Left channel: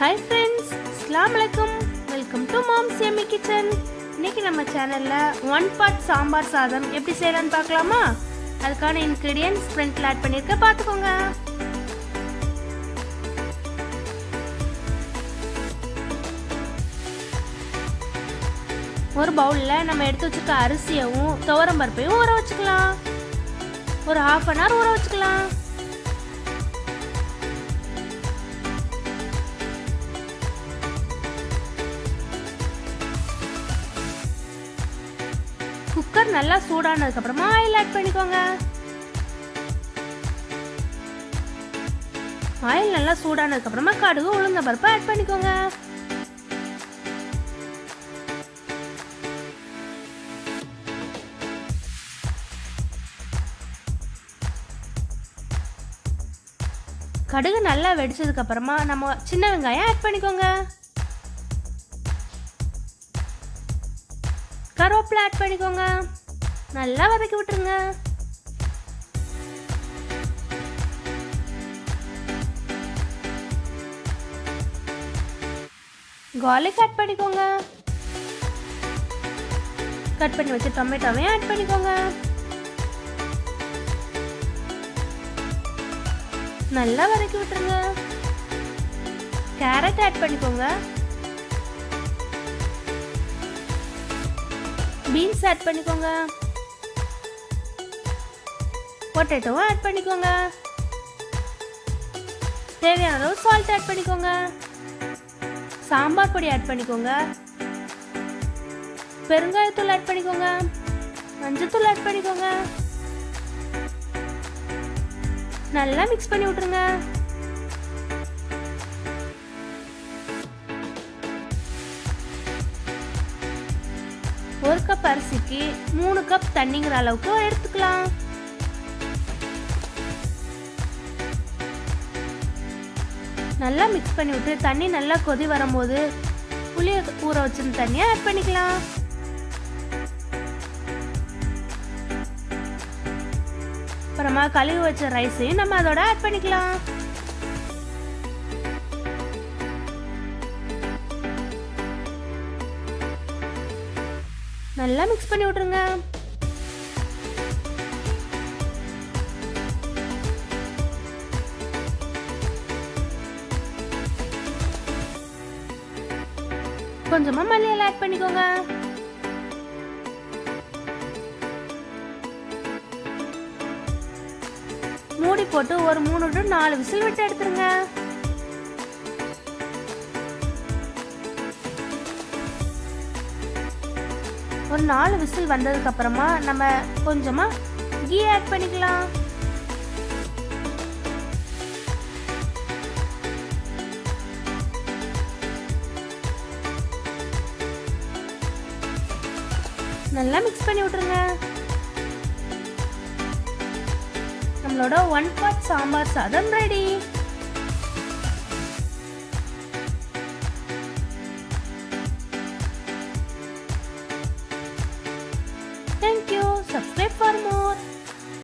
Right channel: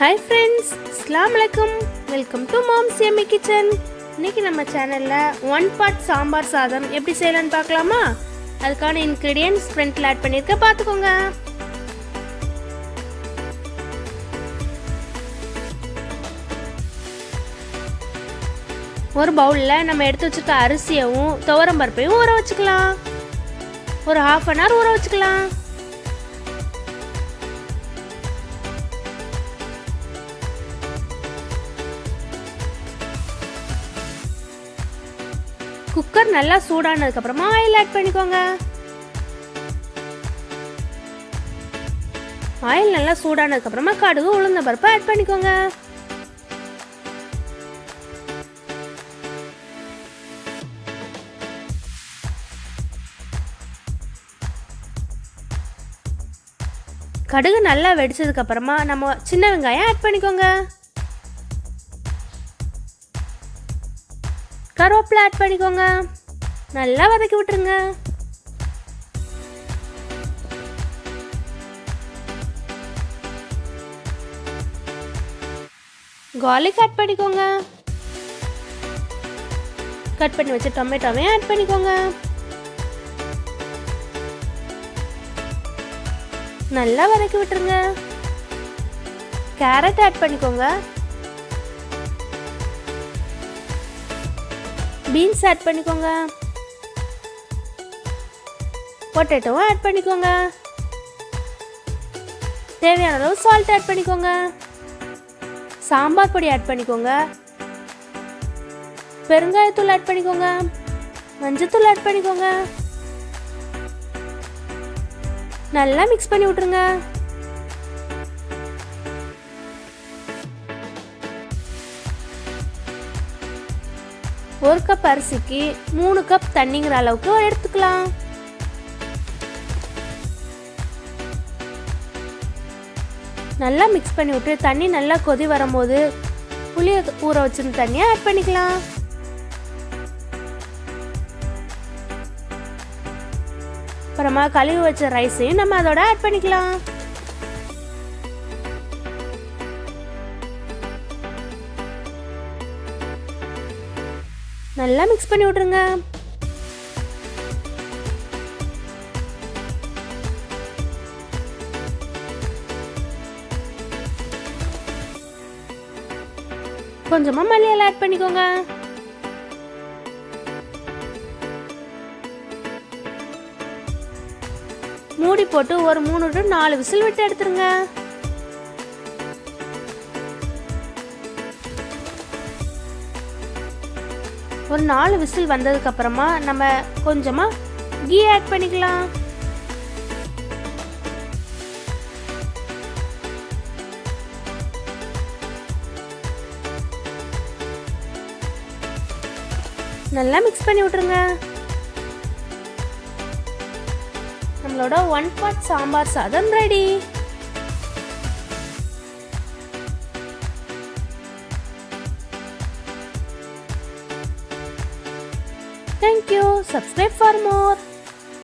Hi friends, அஸ்ஸலாமு அலைக்கும். Welcome to moms yummy kitchen. இன்னைக்கு நம்ம சேனலில் 1 பார்ட் சாம்பார் சாதம் எப்படி செய்யலான்னு பார்க்கலாமா? அதுக்கான இன்க்ரீடியன்ட்ஸ் ஃப்ரண்ட்டில் ஆட் பண்ணியிருக்க பார்த்துக்கோங்க. ஒரு பவுலில் நம்ம எடுத்து வச்சுருக்க அரிசியவும் துவரம் பருப்பையும் ஊற வச்சுக்கலாம். ஒரு 1/2 அன் ஹவர் ஊற வச்சுக்கலாம். குக்கர் நல்லா சூடானதுக்கு அப்புறமா ஆயில் ஆட் பண்ணிக்கோங்க. ஆயில் நல்லா சூடானதுக்கு அப்புறமா கடுகு உளுந்த பருப்பு ஆட் பண்ணிக்கோங்க. கடுகு நல்லா வெடிச்சதுக்கு அப்புறமா நம்ம சின்ன வெங்காயம் ஆட் பண்ணிக்கோங்க. கருவேப்பிலை ஆட் பண்ணிக்கோங்க. நல்லா வதக்கி விட்டுருங்க. கார்லிக் ஆட் பண்ணிக்கோங்க. கட் பண்ணி வச்ச டொமேட்டோவையும் ஆட் பண்ணிக்கோங்க. நல்லா வதக்கி விட்டுருங்க. கேரட் ஆட் பண்ணிக்கோங்க. பீன்ஸ் ஆட் பண்ணிக்கோங்க. பொட்டேட்டோவும் ஆட் பண்ணிக்கோங்க. தேவையான அளவு சால்ட் ஆட் பண்ணிக்கோங்க. சாம்பார் பொடி ஆட் பண்ணிக்கோங்க. பெருங்காயத்தூள் ஆட் பண்ணிக்கோங்க. மஞ்சத்தூள் ஆட் பண்ணிக்கோங்க. நல்லா மிக்ஸ் பண்ணி விட்டுருங்க. ஒரு கப் அரிசிக்கு 3 கப் தண்ணிங்கிற அளவுக்கு எடுத்துக்கலாம். நல்லா மிக்ஸ் பண்ணி விட்டு தண்ணி நல்லா கொதி வரும்போது புளிய ஊற வச்சிருந்த தண்ணியை ஆட் பண்ணிக்கலாம். அப்புறமா கழுவி வச்ச ரைஸையும் நம்ம அதோட ஆட் பண்ணிக்கலாம். நல்லா மிக்ஸ் பண்ணி விட்டுருங்க. கொஞ்சமா மல்லியிலை ஆட் பண்ணிக்கோங்க. மூடி போட்டு ஒரு 3 to 4 விசில் விட்டு எடுத்துருங்க. ஒரு 4 விசில் வந்ததுக்கு அப்புறமா நம்ம கொஞ்சமா கீ ஆட் பண்ணிக்கலாம். நல்லா மிக்ஸ் பண்ணி விட்டுருங்க. நம்மளோட 1 பார்ட் சாம்பார் சாதம் ready. Thank you. Subscribe for more.